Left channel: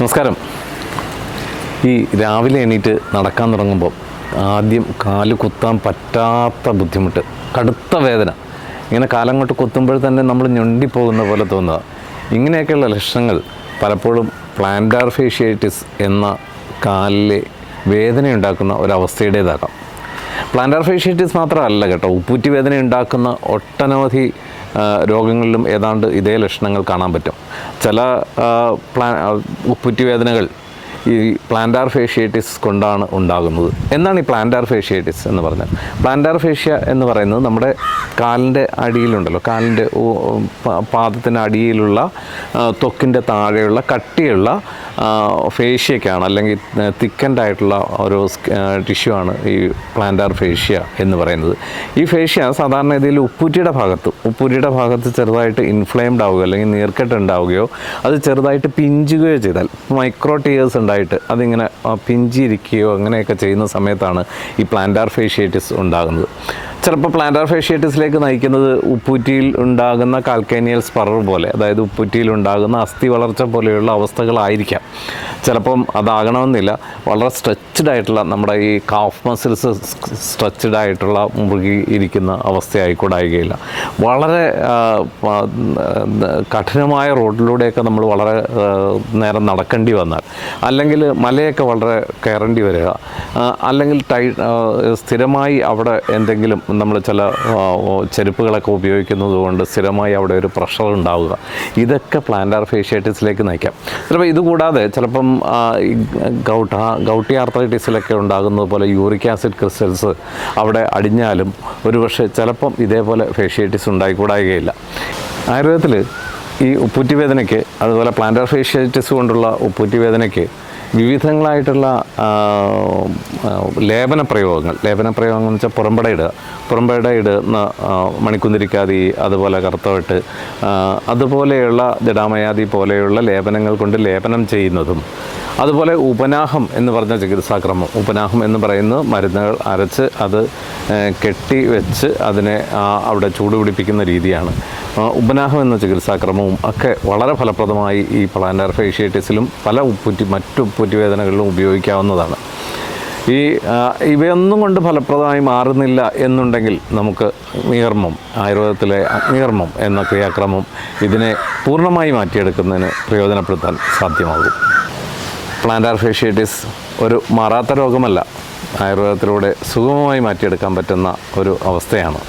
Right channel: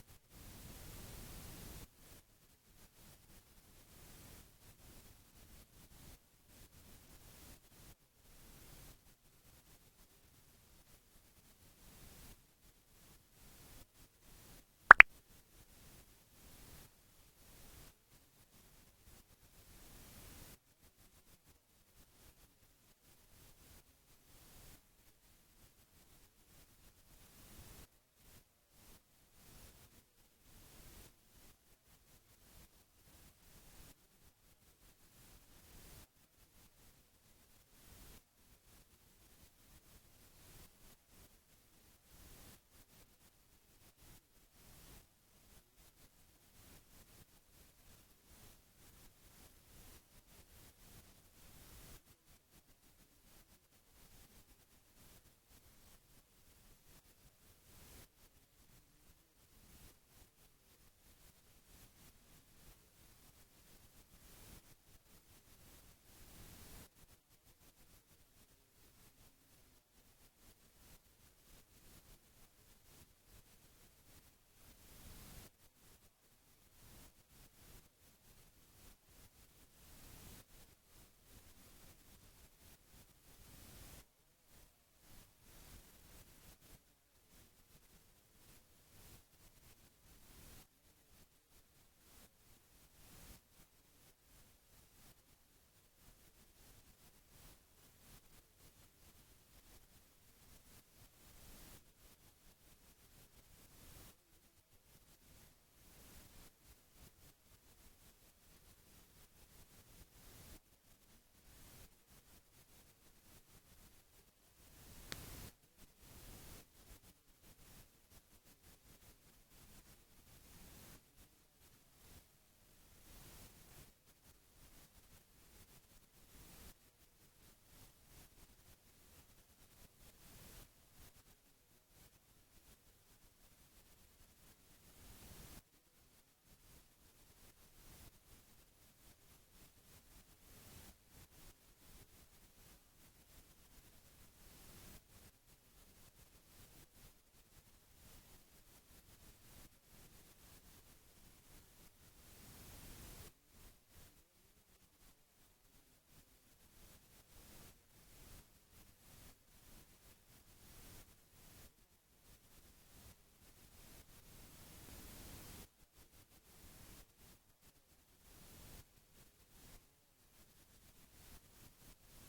നമസ്കാരം. ഈ രാവിലെ എണീറ്റ് നടക്കാൻ തുടങ്ങുമ്പോൾ ആദ്യം കാല് കുത്താൻ പറ്റാത്ത ബുദ്ധിമുട്ട്, കടുത്ത വേദന, ഇങ്ങനെ കാലങ്ങോട്ട് കുത്തുമ്പോൾ തന്നെ നമ്മൾ ഞൊണ്ടിപ്പോകുന്ന പോലെ തോന്നുക. ഇങ്ങനെയൊക്കെയുള്ള ലക്ഷണങ്ങൾ പലപ്പോഴും പ്ലാന്റാർ ഫേഷ്യേറ്റിസ് എന്ന കാലിലെ വേദനയുണ്ടാക്കുന്ന ഒരവസ്ഥയുടേതാകാം. പ്ലാന്റാർ ഫേഷ്യേറ്റിസ് മാത്രമല്ല കേട്ടോ, ഉപ്പൂറ്റി വേദന ഉണ്ടാക്കുന്ന ഒട്ടനവധി രോഗങ്ങളിലും ഏതാണ്ട് ഇതേ ലക്ഷണങ്ങൾ കാണാൻ പറ്റും. ചില ഉപ്പൂറ്റി വേദനകൾ ഈ പ്ലാന്റാർ ഫേഷ്യേറ്റിസ് കൊണ്ടാണ് ഉണ്ടാകുന്നത്. എന്താണ് ഈ പ്ലാന്റാർ ഫേഷ്യേറ്റിസ് എന്ന് പറഞ്ഞാൽ? പ്ലാന്റാർ ഫേഷ്യ എന്ന് പറയുന്നത് നമ്മുടെ കാലിൻ്റെ അടിയിലുണ്ടല്ലോ, കാലിൻ്റെ പാദത്തിൻ്റെ അടിയിലുള്ള ത്വക്കിൻ്റെ താഴെയുള്ള കട്ടിയുള്ള ഫേഷ്യക്കാണ്, അല്ലെങ്കിൽ തിക്കൻഡ് ആയിട്ടുള്ള ഒരു ടിഷ്യൂ ആണ് ഈ പ്ലാന്റാർ ഫേഷ്യ എന്ന് പറയുന്നത്. ഈ ഫേഷ്യ സാധാരണ ഇതിൽ ഉപ്പൂറ്റിയുടെ ഭാഗത്ത് ചെറുതായിട്ട് ഇൻഫ്ലെയിംഡ് ആവുകയോ അല്ലെങ്കിൽ നീർക്കെട്ട് ഉണ്ടാവുകയോ അത് ചെറുതായിട്ട് പിഞ്ചുകയോ ചെയ്താൽ, മൈക്രോ ടിയേഴ്സ് ഉണ്ടായിട്ട് അതിങ്ങനെ പിഞ്ചിരിക്കുകയോ അങ്ങനെയൊക്കെ ചെയ്യുന്ന സമയത്താണ് ഈ പ്ലാന്റാർ ഫേഷ്യേറ്റിസ് ഉണ്ടാകുന്നത്. ചിലപ്പോൾ പ്ലാന്റാർ ഫേഷ്യേറ്റിസിലേക്ക് നയിക്കുന്നത് ഉപ്പൂറ്റിയിൽ ഉണ്ടാകുന്ന കാൽക്കേനിയൽ സ്പറർ പോലെ, അതായത് ഉപ്പൂറ്റിയിൽ ഉണ്ടാകുന്ന അസ്ഥി വളർച്ച പോലെയുള്ള അവസ്ഥകളായിരിക്കാം. ചിലപ്പം അതാകണമെന്നില്ല. വളരെ സ്ട്രെച്ച്ഡ് ആയിട്ടുള്ള നമ്മുടെ ഈ കാഫ് മസിൽസ് സ്ട്രെച്ച്ഡ് ആയിട്ടുള്ള മുറുകി ഇരിക്കുന്ന അവസ്ഥയായിക്കൂടായികയില്ല. വളരെ കഠിനമായ റോഡിലൂടെയൊക്കെ നമ്മൾ വളരെ നേരം നടക്കേണ്ടി വന്നാൽ, അല്ലെങ്കിൽ മലയൊക്കെ വളരെ കയറേണ്ടി വരിക, അല്ലെങ്കിൽ സ്ഥിരമായി അവിടെ എന്തെങ്കിലും നമ്മൾ ചില ചെരുപ്പുകളൊക്കെ ഉപയോഗിക്കുന്നത് കൊണ്ട് സ്ഥിരമായി അവിടെ ഒരു പ്രഷർ ഉണ്ടാവുക, ഇതൊക്കെ പ്ലാന്റാർ ഫേഷ്യേറ്റിസിലേക്ക് നയിക്കാം. ചിലപ്പോൾ ഇതുകൂടാതെ ചിലപ്പം ഗൗട്ടി ആർത്രൈറ്റിസിലൊക്കെ ഉണ്ടാകുന്നത് പോലെ യൂറിക് ആസിഡ് ക്രിസ്റ്റൽസ് അവിടെ അടിഞ്ഞാലും ഒരുപക്ഷെ ചിലപ്പം ഇതേപോലെ ഫേഷ്യേറ്റിസ് ഉണ്ടായിക്കൂടായികയില്ല. ആയുർവേദത്തിൽ ഈ ഉപ്പൂറ്റി വേദനയ്ക്ക്, അതുപോലെ പ്ലാന്റാർ ഫേഷ്യേറ്റിസ് കൊണ്ടുള്ള ഉപ്പൂറ്റി വേദനയ്ക്ക് വിവിധങ്ങളായിട്ടുള്ള ലേപനപ്രയോഗങ്ങൾ എന്ന് വെച്ചാൽ പുറമ്പട ഇടുന്ന മണിക്കുന്തിരിക്കാതി, അതുപോലെ കറുത്തവട്ട്, അതുപോലെയുള്ള ജടാമയാതി പോലെയുള്ള ലേപനങ്ങൾ കൊണ്ട് ലേപനം ചെയ്യുന്നതും, അതുപോലെ ഉപനാഹം എന്ന് പറഞ്ഞ ചികിത്സാക്രമം, ഉപനാഹം എന്ന് പറയുന്നത് മരുന്നുകൾ അരച്ച് അത് കെട്ടി വെച്ച് അതിനെ അവിടെ ചൂട് പിടിപ്പിക്കുന്ന രീതിയാണ്. ഉപനാഹം എന്ന ചികിത്സാക്രമവും ഒക്കെ വളരെ ഫലപ്രദമായി ഈ പ്ലാന്റാർ ഫേഷ്യേറ്റിസിലും മറ്റു ഉപ്പൂറ്റി വേദനകളിലും ഉപയോഗിക്കാവുന്നതാണ്. ഇവയൊന്നും കൊണ്ട് ഫലപ്രദമായി മാറുന്നില്ല എന്നുണ്ടെങ്കിൽ നമുക്ക് ആയുർവേദത്തിലെ അഗ്നികർമ്മം എന്ന ക്രിയാക്രമം ഇതിനെ പൂർണ്ണമായി മാറ്റിയെടുക്കുന്നതിന് പ്രയോജനപ്പെടുത്താൻ സാധ്യമാകും. പ്ലാന്റാർ ഫേഷ്യേറ്റിസ് ഒരു മാറാത്ത രോഗമല്ല, ആയുർവേദത്തിലൂടെ സുഗമമായി മാറ്റിയെടുക്കാൻ പറ്റുന്ന ഒരു അവസ്ഥയാണ്.